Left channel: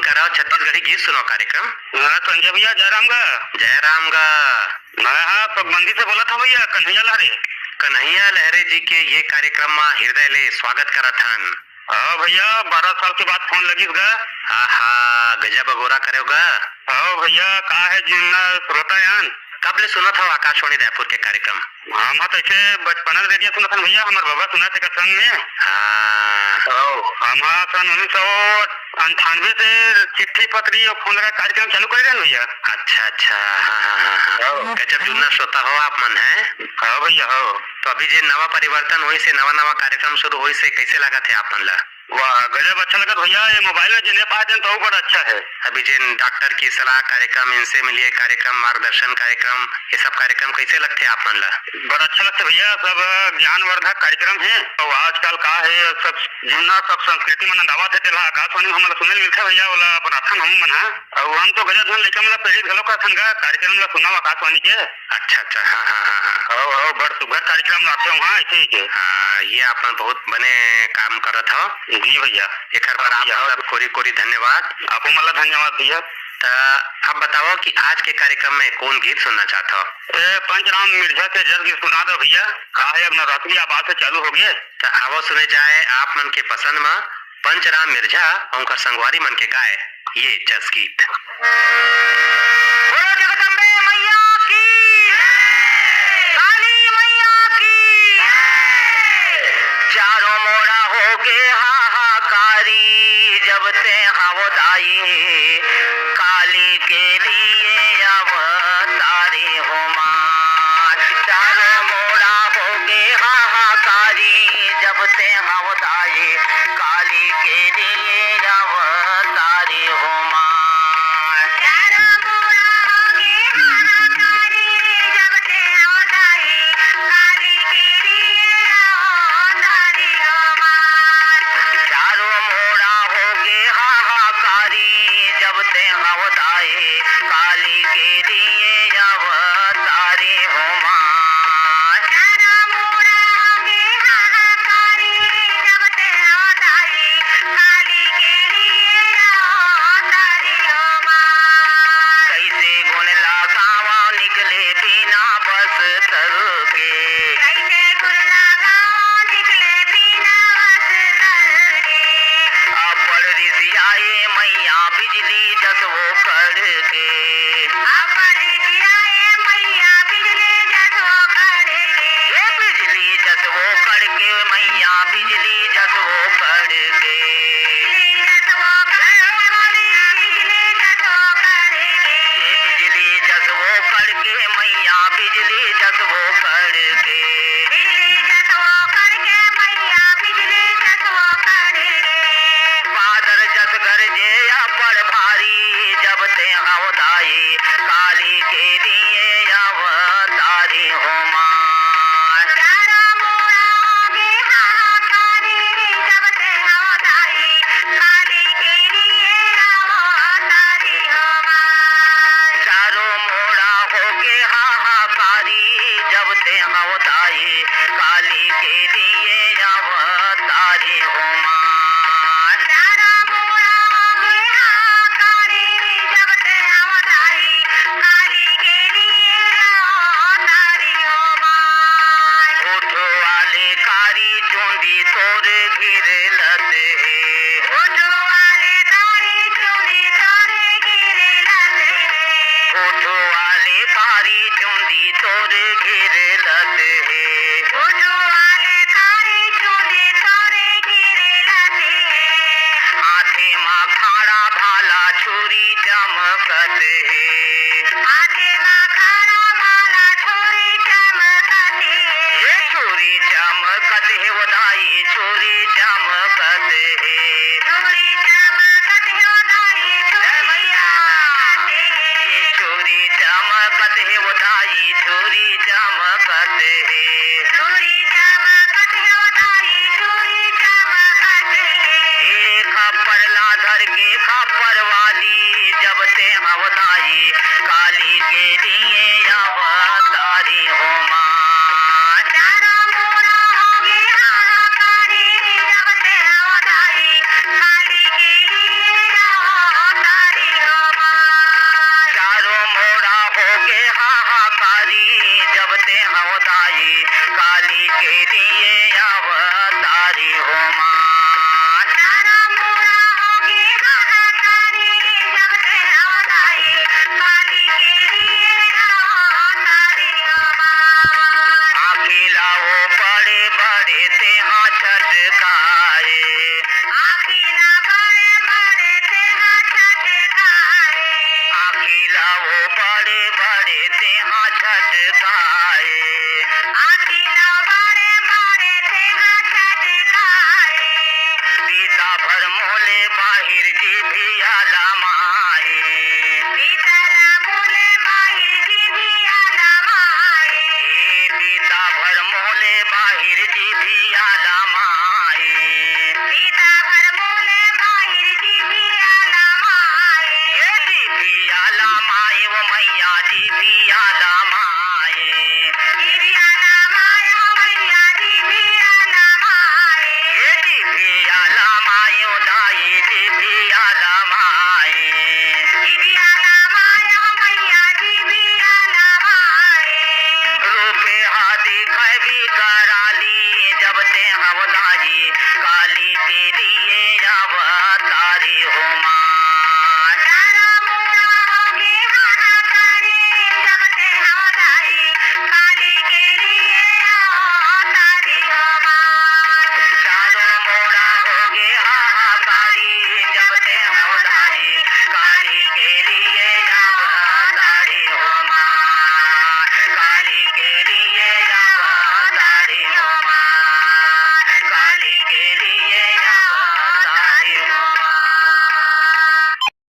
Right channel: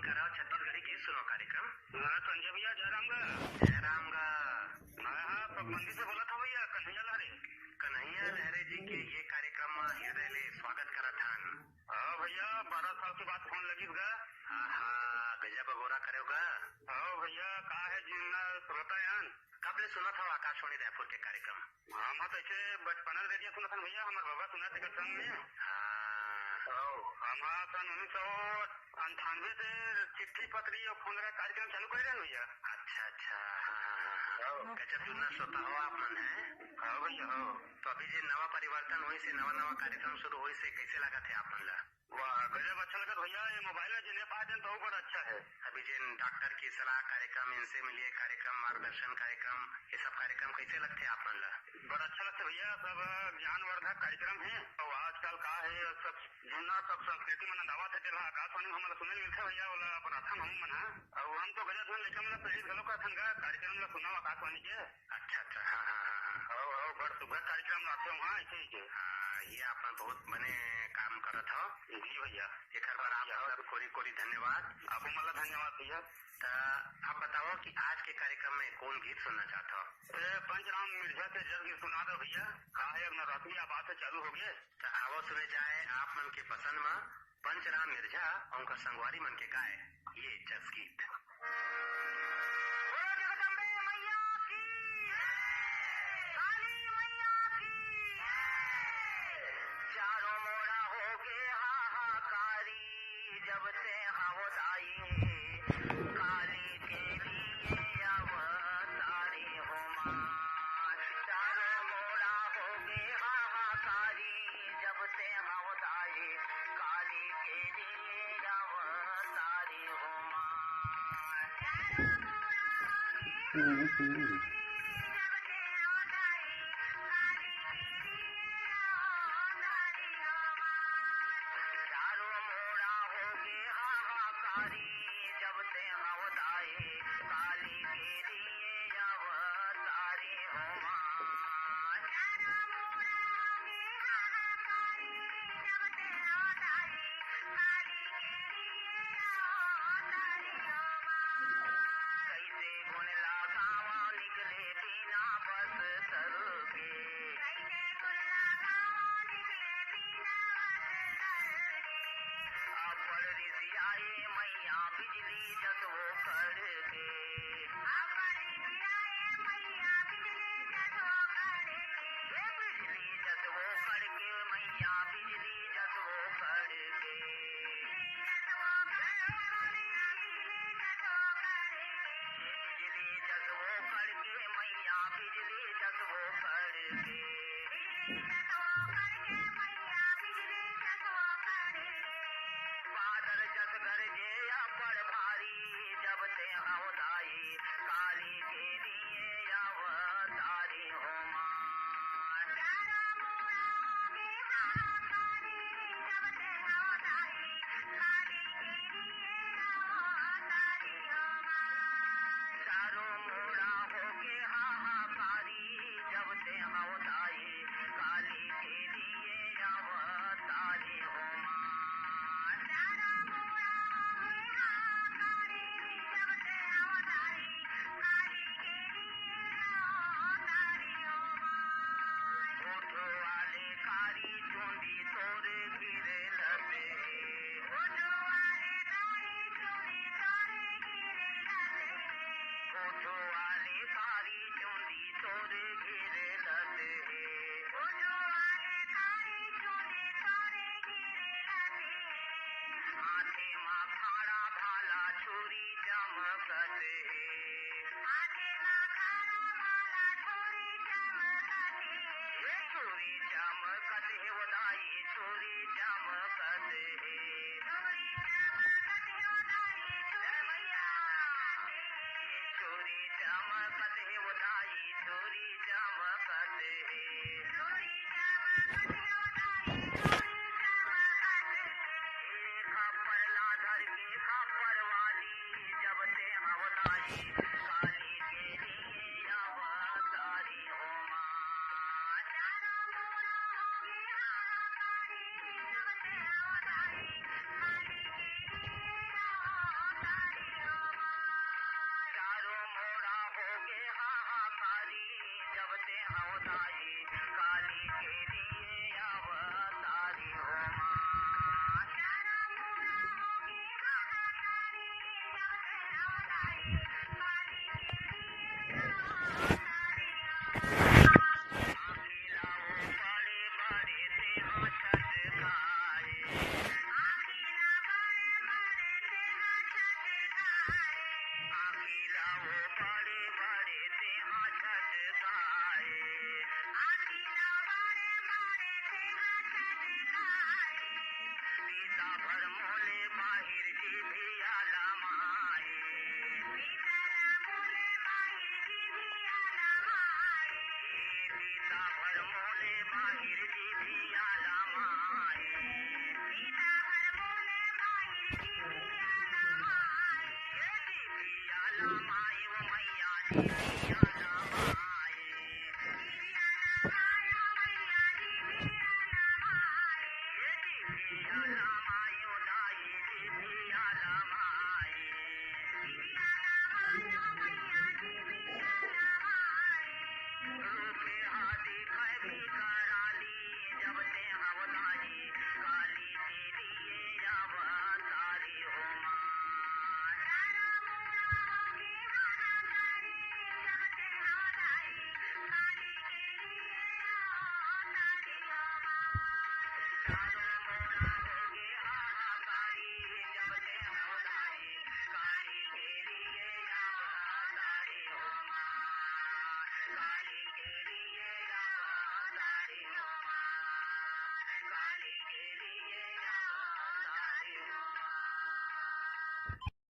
Phone करा छत्तीसगढ़ी गीत सुनो कार्यक्रम। हाँ संजय भैया जयराम गा। जयराम गा। मैं हाँ पगबंदी से बोला था भैया कन्हैया लहरे। कन्हैया लहरे जी के ये कार्यक्रम में हृदय ले स्वागत करत हन। हाँ भैया 12 साल के बाद फोन लगी गा। हाँ गजब अगोरा करेगा। हाँ भैया का है जिन्ना श्रोता यान कब ले सुना था आकाशवाणी रायपुर के कार्यक्रम? हम तो ऐसे बचपन रेडियो सुना था भैया, हमारे बाबा सुना थे संग में। हम सन 1998 से चिट्ठी पत्री और फोन लगा कार्यक्रम चालू कर रहे भैया। अच्छा अच्छा हाँ। गजब जुन्ना श्रोता हो आप मन है। हाँ भैया हो। तो अभी जे नवा परिवर्तन हुई से नवा कार्यक्रम शुरू हुई से कैसे लगा थे आप मन ला? वाह गजब अच्छा लगा भैया, ये मोबाइल में जिन्हें पाते तो बड़ा अच्छा है। अभी जिन डॉक्टर की सलाह कार्यक्रम, इनसे मिलिए कार्यक्रम, मार्गदर्शन कार्यक्रम, ये सब कार्यक्रम कैसे लगते हैं आप मन ला? बड़ा अच्छा लगता भैया, सब ज्ञानवर्धक कार्यक्रम है। और आजकल का है सब जुन्ना सब संस्कृति मन दावत है तेला आकाशवाणी हमारा सुनने मिलता भैया वाला प्रार्थना हम मन है। और हम तो गजब धन लेकर मतलब प्रेरित घलो का संगा कार्यक्रम ला सुना आकाशवाणी के। अच्छा अच्छा हाँ हाँ हाँ हाँ बड़ सुगर कार्यक्रम लाते हो। हाँ ऐसे ही हाँ ये आप बहुत बने काम करत हो। जी भैया एक बार आप कोरी कोरी धन्यवाद। आपको मतलब धन्यवाद भैया। आप बताओ कि आज के कार्यक्रम में कौन गीत सुनना चाहता हो? पंचराम मिर्जा के जज गीत सुना दो भैया। कहा है अब नवरात्रि आवाज से चालू हो गए तो आवो सुने जाए आप मन के पसंद में पंचराम मिर्जा उनका संगवारी मन के गाए ये जज गीत। बोलो जगदम्बे मैया की, काली मैया की। चारों मोड़ा हो गे हाहाकारी जब ते हवदाई काली के लिए अवतारी हो मां। चारों मोड़ा हो गे हाहाकारी जब ते हवदाई काली के लिए अवतारी हो मां। चारों मोड़ा हो गे हाहाकारी जब ते हवदाई काली के लिए अवतारी हो मां। चारों मोड़ा हो गे हाहाकारी जब ते हवदाई काली के लिए अवतारी हो मां। चारों मोड़ा हो गे हाहाकारी जब ते हवदाई काली के लिए अवतारी हो मां। कैसे गुण लगावा निकले बिना बस्तर के, कैसे गुण लगावा निकले बिना बस्तर के। अपर ऋषि आए मैया बिजली जसवो करके, अपर ऋषि आए मैया बिजली जसवो करके। ये बिजली जसवो करके मैया बिजली जसवो करके, बिजली जसवो करके, बिजली जसवो करके। ये बिजली जसवो करके मैया बिजली जसवो करके, बिजली जसवो करके मैया बिजली जसवो करके। बादर जस गरजे अपर भारी जब ते हवदाई काली के लिए अवतारी हो मां। चारों मोड़ा हो गे हाहाकारी जब ते हवदाई काली के लिए अवतारी हो मां। चारों मोड़ा हो गे हाहाकारी जब ते हवदाई काली के लिए अवतारी हो मां। चारों मोड़ा हो गे हाहाकारी जब ते हवदाई काली के लिए अवतारी हो मां। उठो वाले कारी चूंदी तोर घिरे लते, उठो वाले कारी चूंदी तोर घिरे लते। उठो वाले कारी चूंदी तोर घिरे लते, उठो वाले कारी चूंदी तोर घिरे लते। हाथे माँ खाड़ा भाला छुरी चमकत है, हाथे माँ खाड़ा भाला छुरी चमकत है। ये छुरी चमकत है वदाई छुरी चमकत है, छुरी चमकत है वदाई छुरी चमकत है। ये छुरी चमकत है वदाई छुरी चमकत है, छुरी चमकत है वदाई छुरी चमकत है। एक खप्पर लाधर के खप्पर वाली जब ते हवदाई काली के लिए अवतारी हो मां। चारों मोड़ा हो गे हाहाकारी जब ते हवदाई काली के लिए जिभियाला माए बीतला मोले बाहिर जिभियाला माए बीता भर मोले बाहिर जिभियाला माए बीता भर मोले बाहिर जिभियाला माए ये जिभियाला माए वो मैया जिभियाला माए जिभियाला माए वो मैया जिभियाला माए ये जिभियाला माए वो दाई जिभियाला माए जिभियाला माए वो मैया जिभियाला माए रूपे हाथी खै भी कराली जब ते हवदाई काली के लिए अवतारी हो माँ तारा मोरा होके हाहाकारी जब ते हवदाई काली के लिए अवतारी हो माँ तारा मोरा होके हाहाकारी जब ते हवदाई